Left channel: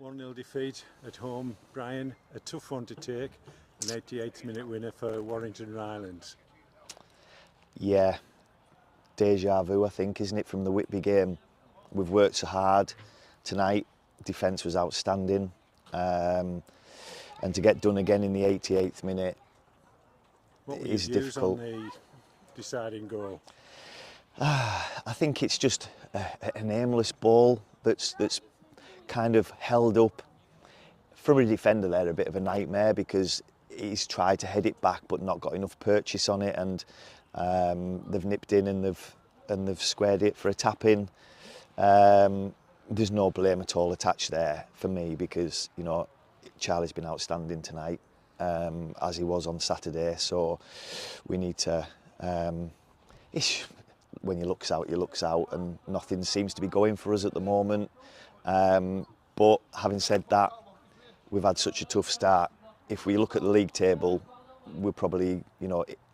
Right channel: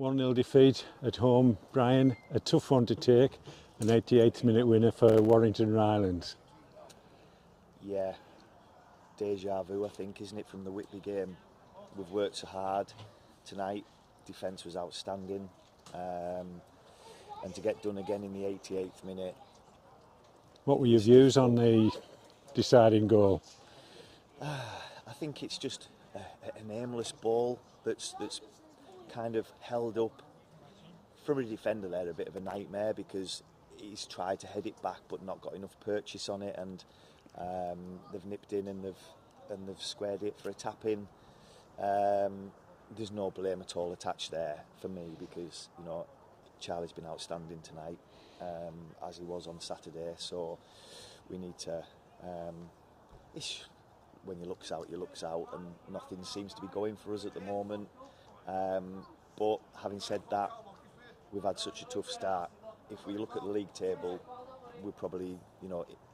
1-0 defeat at home, Brian. A tough one to take. An 88th minute winner for Warrington Rylands. Yeah, deja vu, I think, isn't it, from the Whitby game? We've worked so hard tonight. Defence was outstanding, and to get done again in the 88th minute. What were your views on the deciding goal? I think it's just an aimless ball that's kind of held up. From a defender there, a bit of a nightmare, because he's tried to head it back but not got enough purchase on it, and they've nipped in and they've squared it for a tap in. There's no blame at all attached there for me, because Charlie's been outstanding tonight, as he was on Saturday. So we need to. When you looks out, and nothing seems to be going for us at the moment. But having said that, we've had such a tough start. If we look at the league table, we're probably,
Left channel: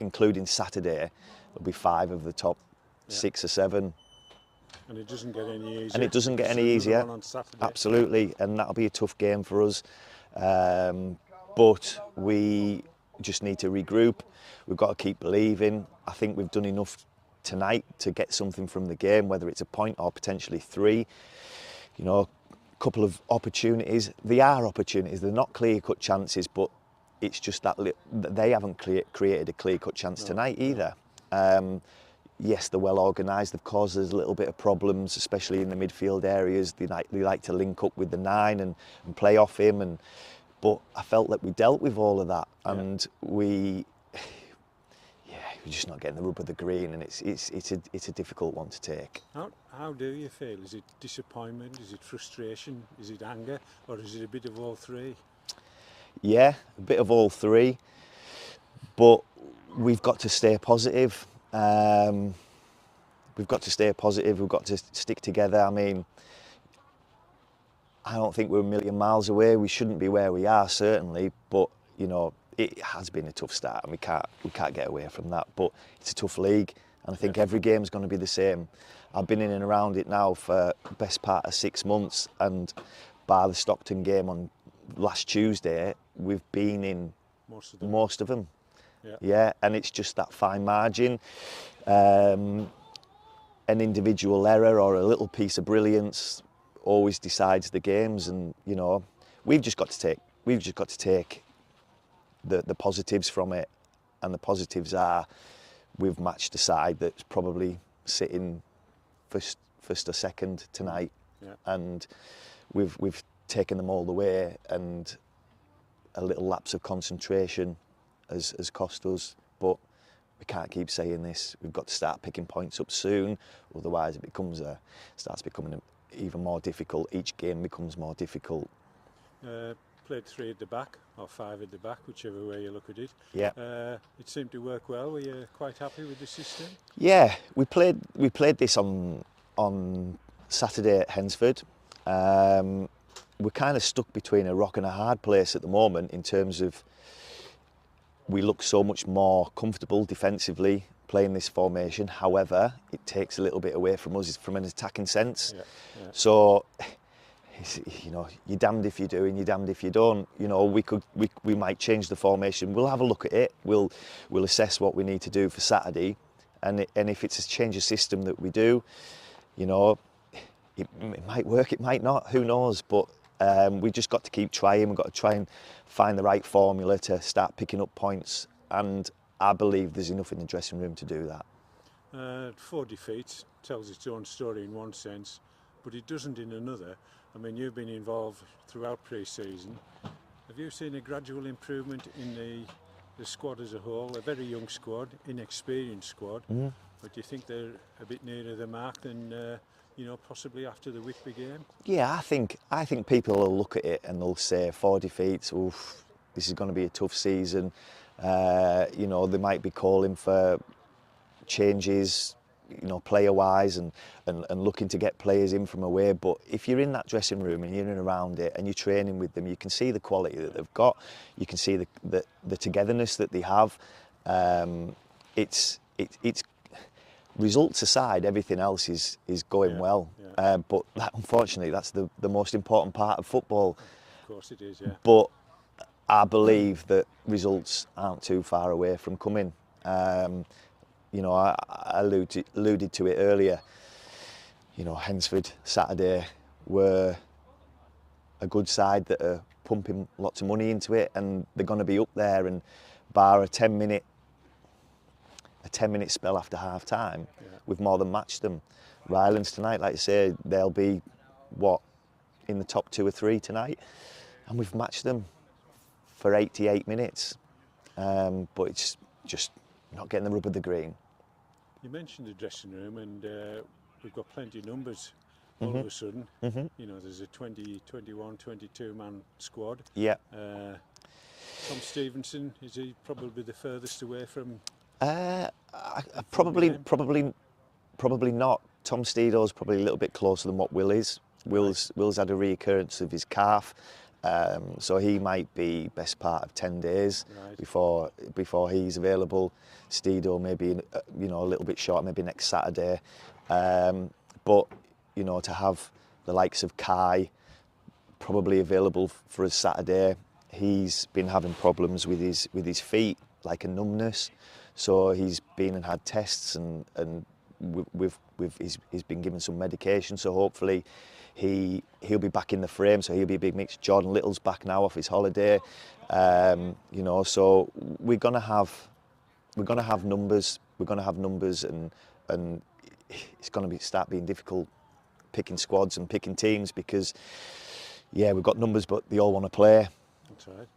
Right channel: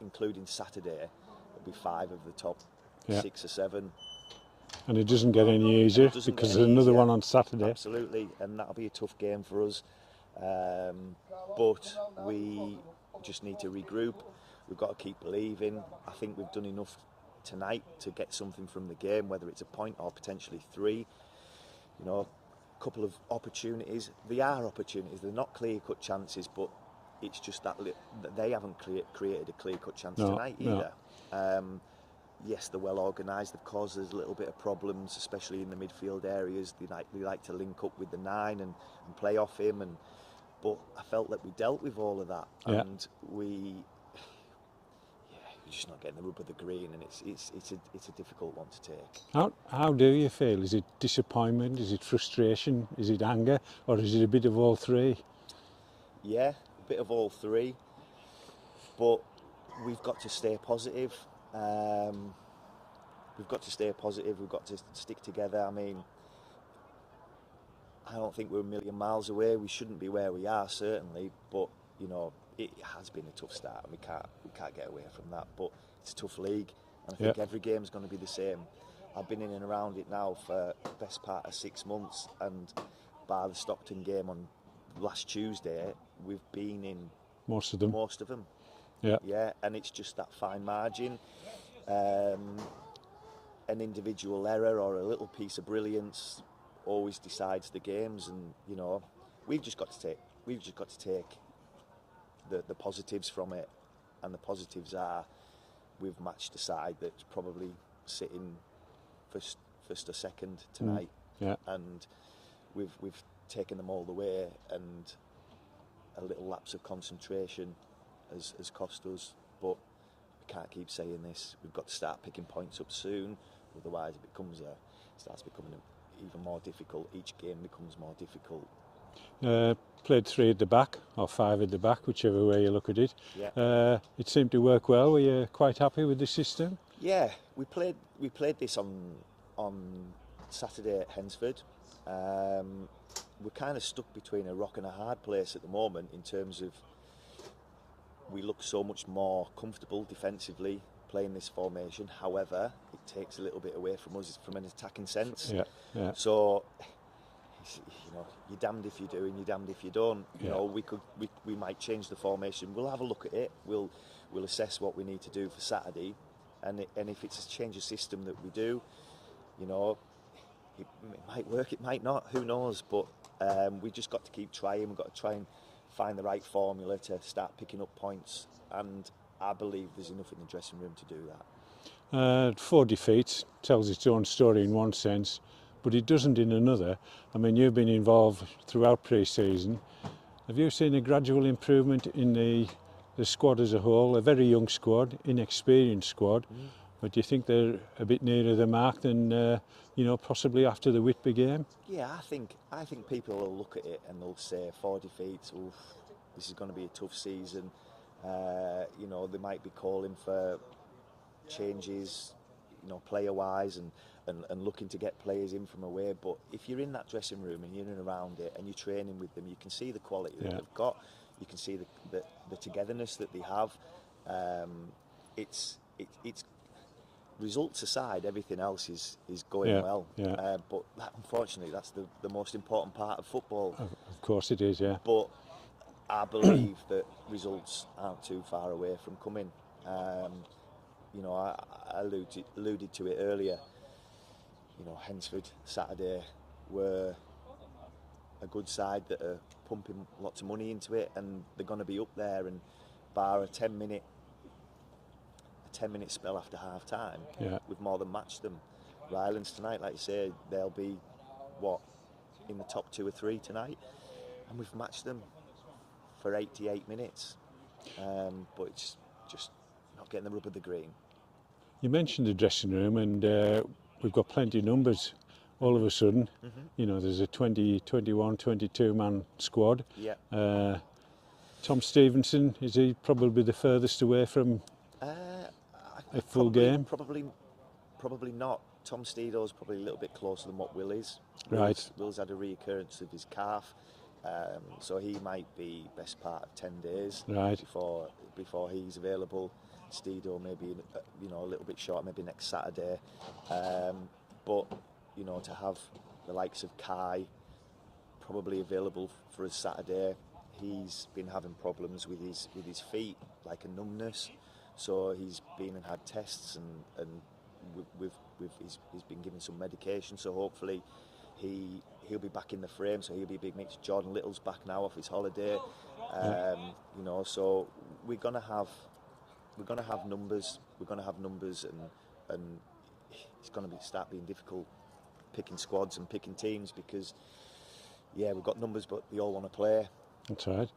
including Saturday, there'll be 5 of the top 6 or 7. And it doesn't get any easier. And it doesn't get any easier. Another one on Saturday. Absolutely, and that'll be a tough game for us. But we just need to regroup. We've got to keep believing. I think we've done enough tonight to get something from the game, whether it's a point or potentially 3. A couple of opportunities. They are opportunities. They're not clear-cut chances, but it's just that they haven't created a clear-cut chance tonight either. No. Yes, they're well organised. They've caused us a little bit of problems, especially in the midfield areas. They like to link up with the 9 and play off him. But I felt that we dealt with all of that, and we're just not getting the rub of the green, and it's a difficult one to take. How do you feel? Is it disappointment? Is it frustration? Is it anger? Or is it a bit of all 3? Yeah, a bit of all 3. But we've got to stay positive. We've got to stay positive. We've got to stick together. I mean, I don't think we're a million miles away. We shouldn't be where we are, certainly, but it has been a tough start, and we can't get away from that. But it's a tough league, and I think every game's going to be the same. I've been in and around it now for the best part of 6 months, and bar the Stockton game on last Tuesday, we've been in most of them. Yeah, and it's just that fine margin. An individual error or a little piece of brilliance always decides the games, and we've just got to take the positives from it, and the positives are we've matched a side that's probably sitting first or second tonight, and we've taken them all the way, and a little lapse of concentration has cost us. But we can't keep saying this. We've got to start picking points up soon, otherwise it starts becoming even more difficult. Each game becomes more difficult. Played 3 at the back, or 5 at the back, whichever way you look at it. Yeah. It seemed to work well. Were you quite happy with the system? Yeah, we played this on Saturday at Hensford. We're kind of stuck between a rock and a hard place at the moment, in terms of we look so much more comfortable defensively playing this formation. However, it takes a little bit away from us from an attacking sense. Yeah. So, you're damned if you do and you're damned if you don't. We might change the formation. We'll have a look at it. We'll assess what we need to do for Saturday, and if it's a change of system that we do, it might work, it might not. Who knows? But we've just got to keep trying. We've got to try and find the right formula to start picking up points, and I believe there's enough in the dressing room to do that. 4 defeats tells its own story in one sense, but it doesn't in another. I mean, you've been involved throughout pre-season. Have you seen a gradual improvement in the squad as a whole? A very young squad, inexperienced squad, but do you think they're a bit nearer the mark than possibly after the Whitby game? Yeah, I think people will look at it and they'll say 4 defeats. Oof, this is going to be a tough season. They might be calling for changes, player-wise, and looking to get players in from away. But if you're in that dressing room and you're in and around it and you're training with them, you can see the quality that they've got. You can see the togetherness that they have. results aside, everything else is going Yeah, well. yeah. But unfortunately, that's the most important part of football. Of course it is, yeah. But I believe that results aren't too far away from coming. You know, I alluded to it earlier. You know, Hensford Saturday were a good side that are pumping lots of money into it, and they're going to be up there. And bar a 10-minute spell after half time, Yeah. we've more than matched them. Rylands tonight, like I say, they'll be in the top 2 or 3 tonight, and we've matched them for 88 minutes. But it's just not getting the rub of the green. You mentioned the dressing room, and we've got plenty of numbers all of a sudden. You know, there's a 20, 21, 22 man squad. Yeah. Tom Stevenson, is he probably the furthest away from a full game? Probably not. Tom Steedo's probably a little bit closer than what Will is. Right. Will's had a reoccurrence of his calf, so he might be best part of 10 days Right. before he's available. Steedo maybe a little bit short, maybe next Saturday. But you know, to have the likes of Kai probably available for a Saturday, he's been having problems with his feet, like a numbness. So he's been and had tests, and he's been given some medication. So hopefully he'll be back in the frame. So he'll be a big mix. Jordan Little's back now off his holiday. You know, so we're gonna have numbers. We're gonna have numbers, and it's gonna start being difficult picking squads and picking teams, because we've got numbers, but they all want to play. That's right.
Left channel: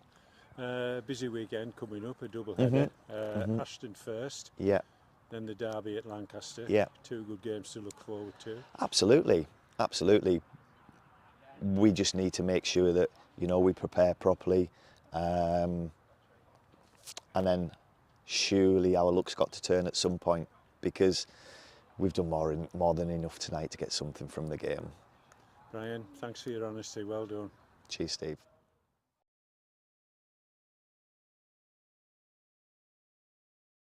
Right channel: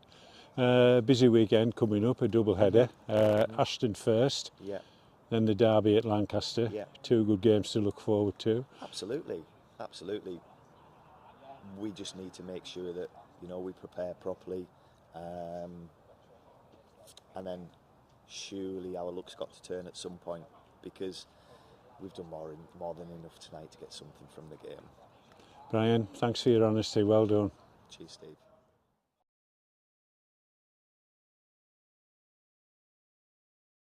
Busy weekend coming up, a double header. Ashton first, then the derby at Lancaster. Yeah. 2 good games to look forward to. Absolutely. We just need to make sure that, you know, we prepare properly, and then surely our luck's got to turn at some point, because we've done more than enough tonight to get something from the game. Brian, thanks for your honesty, well done. Cheers, Steve.